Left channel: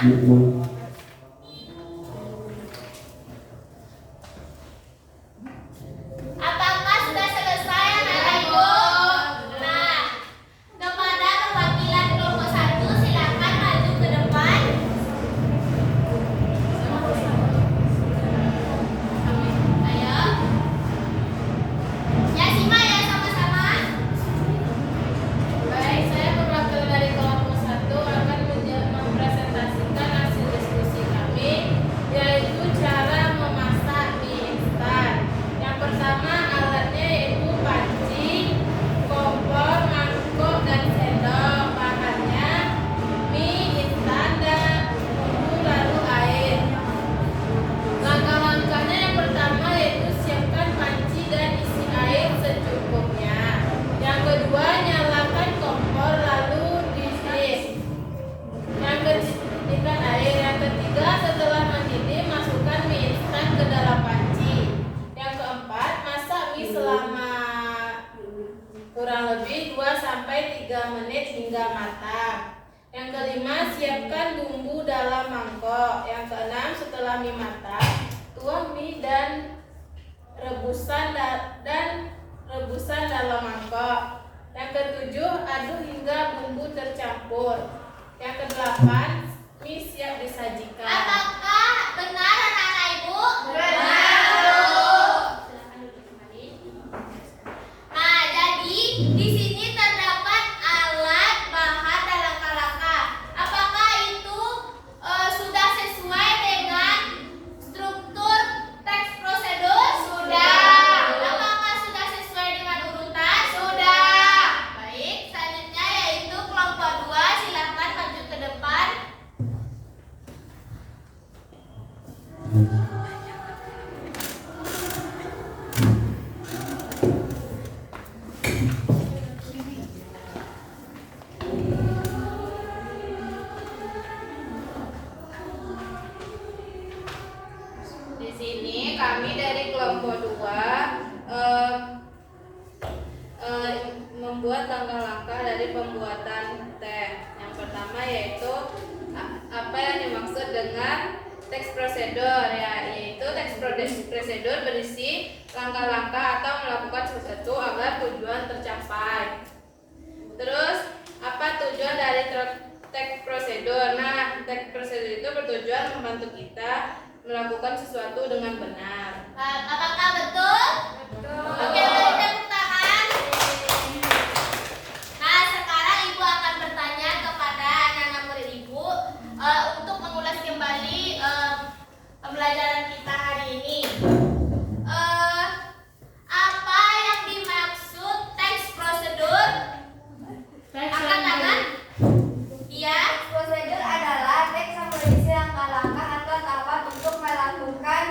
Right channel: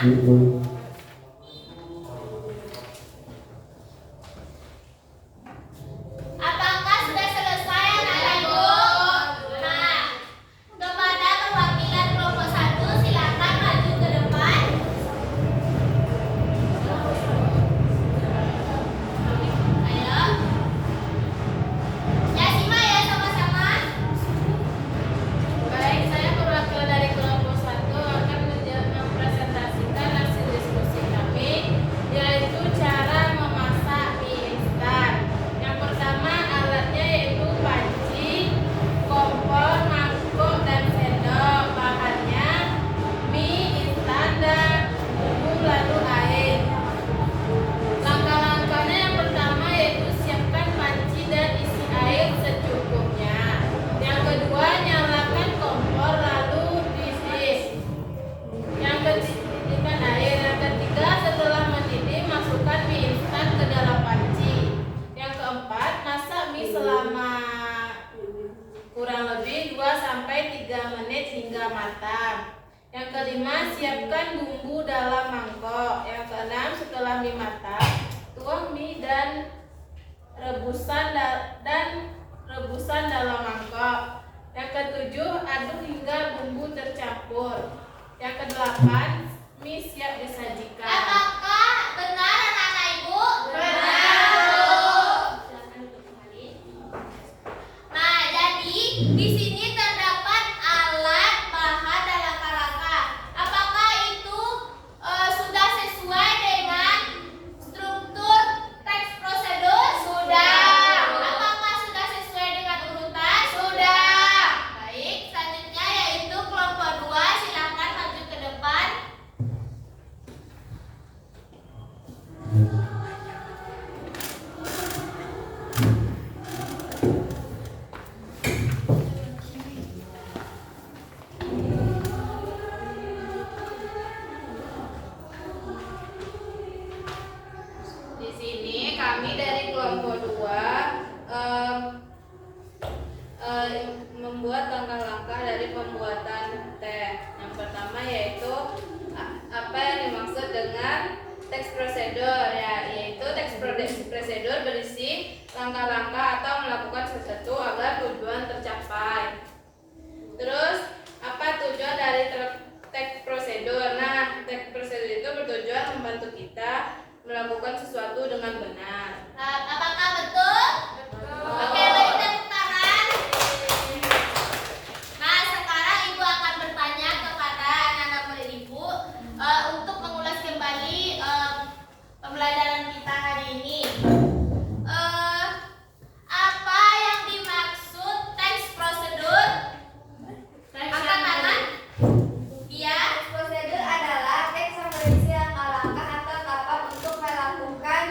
Apakah sudah selesai anak-anak Ibu? Nah, kepada perwakilan kelompok 1 silakan maju ke depan. Ayo. Ya, simak ya sama-sama. Baik, saya perwakilan dari kelompok 1 akan mempresentasikan hasil diskusi kami, yaitu cara memasak mie instan. Yang pertama alatnya yaitu panci, kompor, mangkok, dan sendok. Bahannya mie instan dan bumbu lalu air. Langkah-langkahnya yang pertama yaitu siapkan panci dan isi air secukupnya. Yang kedua, nyalakan kompor lalu diisi. Yang ketiga, air. Yang ketiga, setelah mendidih masukkan mie instan ke dalam panci. Yang keempat, masak mie selama kurang lebih 2-3 menit hingga matang. Yang kelima, siapkan bumbu dalam mangkok. Yang keenam, setelah mie matang, tuang mie dan rebusan dalam mangkok. Yang ketujuh, aduk hingga bumbu tercampur. Yang kedelapan, mie siap disajikan. Apakah benar anak-anak Ibu? Benar, Bu. Silakan duduk kembali. Nah, jadi di sini terdapat alat, bahan, dan langkah-langkah. Apakah itu sudah sesuai dengan struktur teks prosedur? Sudah. Apakah sudah sesuai dengan urutan? Sudah. Baik, selanjutnya yaitu kelompok 2, silakan maju ke depan. Di sini kami dari kelompok 2 membuat langkah-langkah dari pembuatan teh. Yang pertama yaitu apa yang dimaksud dengan teks prosedur, yaitu teks prosedur berisi langkah-langkah atau melakukan sesuatu agar tujuan tercapai. Terus apa tujuan dari teks prosedur? Nah, teks prosedur itu bertujuan membantu kita melakukan sesuatu dengan benar. Apakah betul? Oke, beri tepuk tangan. Nah, sekarang Ibu akan bertanya kepada anak-anak murid Ibu untuk mengulas kembali pembelajaran kita hari ini. Apa yang dimaksud teks prosedur? Angkat tangan. Iya. Prosedur adalah teks yang berisi langkah-langkah atau tahapan untuk melakukan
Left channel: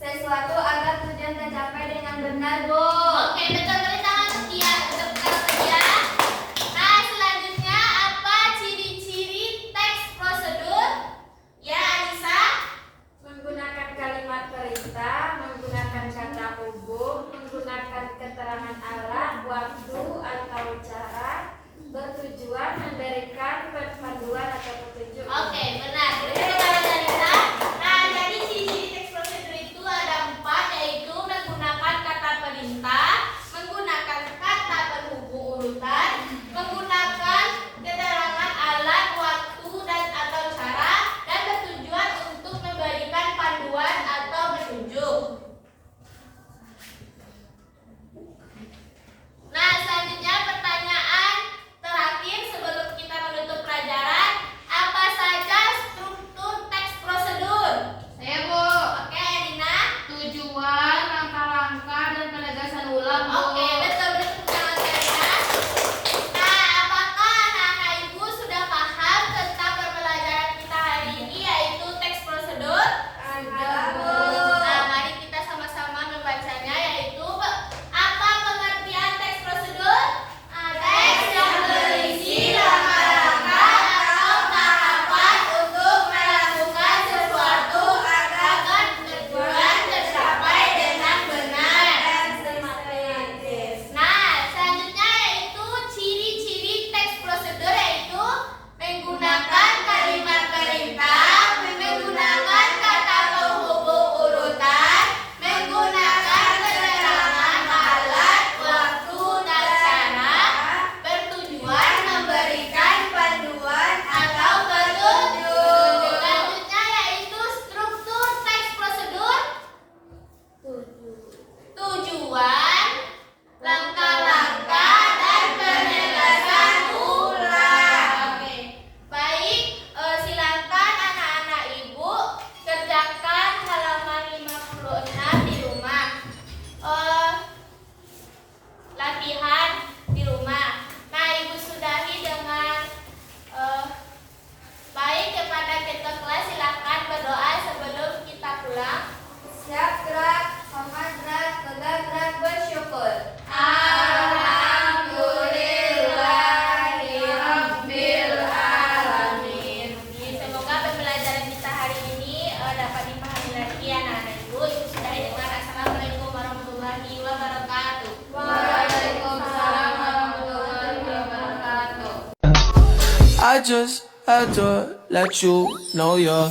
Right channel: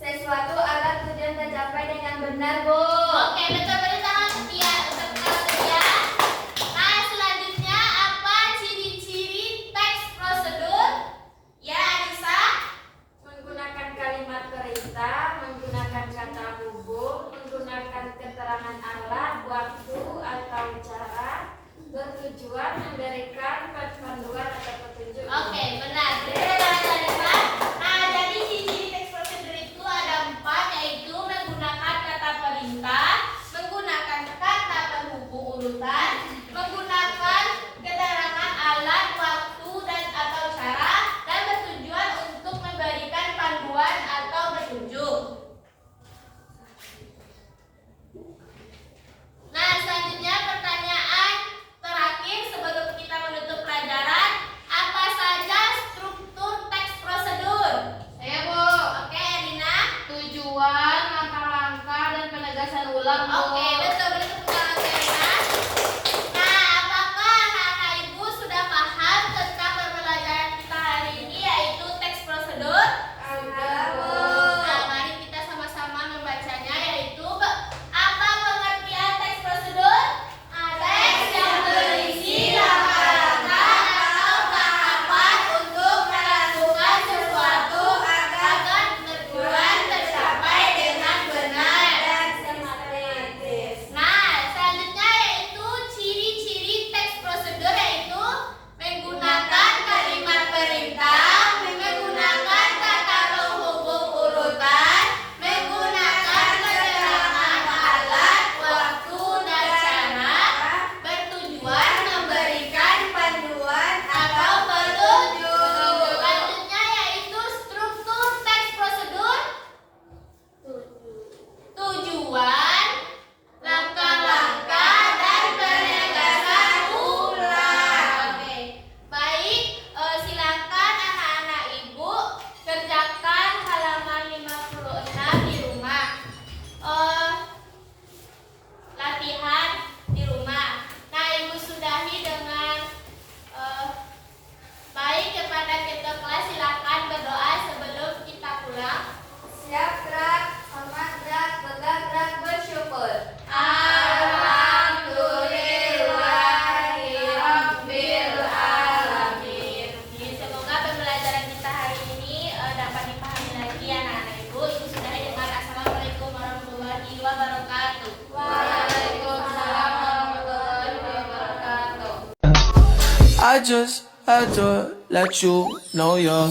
sesuatu agar tujuan tercapai dengan benar, Bu. Oke, betul, beri tangan setia, tepuk tangan setia. Nah, selanjutnya apa ciri-ciri teks prosedur? Ya, Anissa. Menggunakan kalimat perintah, menggunakan kata hubung, menggunakan keterangan alat, waktu atau cara, bertujuan memberikan panduan atau petunjuk. Oke, benar. Beri tepuk tangan Anissa. Nah, jadi ciri-ciri teks prosedur itu ada 4, yaitu menggunakan kata perintah, menggunakan kata penghubung urutan, menggunakan keterangan alat, waktu, dan atau cara, dan bertujuan untuk memberikan panduan atau petunjuk. Nah, selanjutnya pertanyaan terakhir sebelum kita menutup pelajaran. Apa saja struktur I just had to let you know you're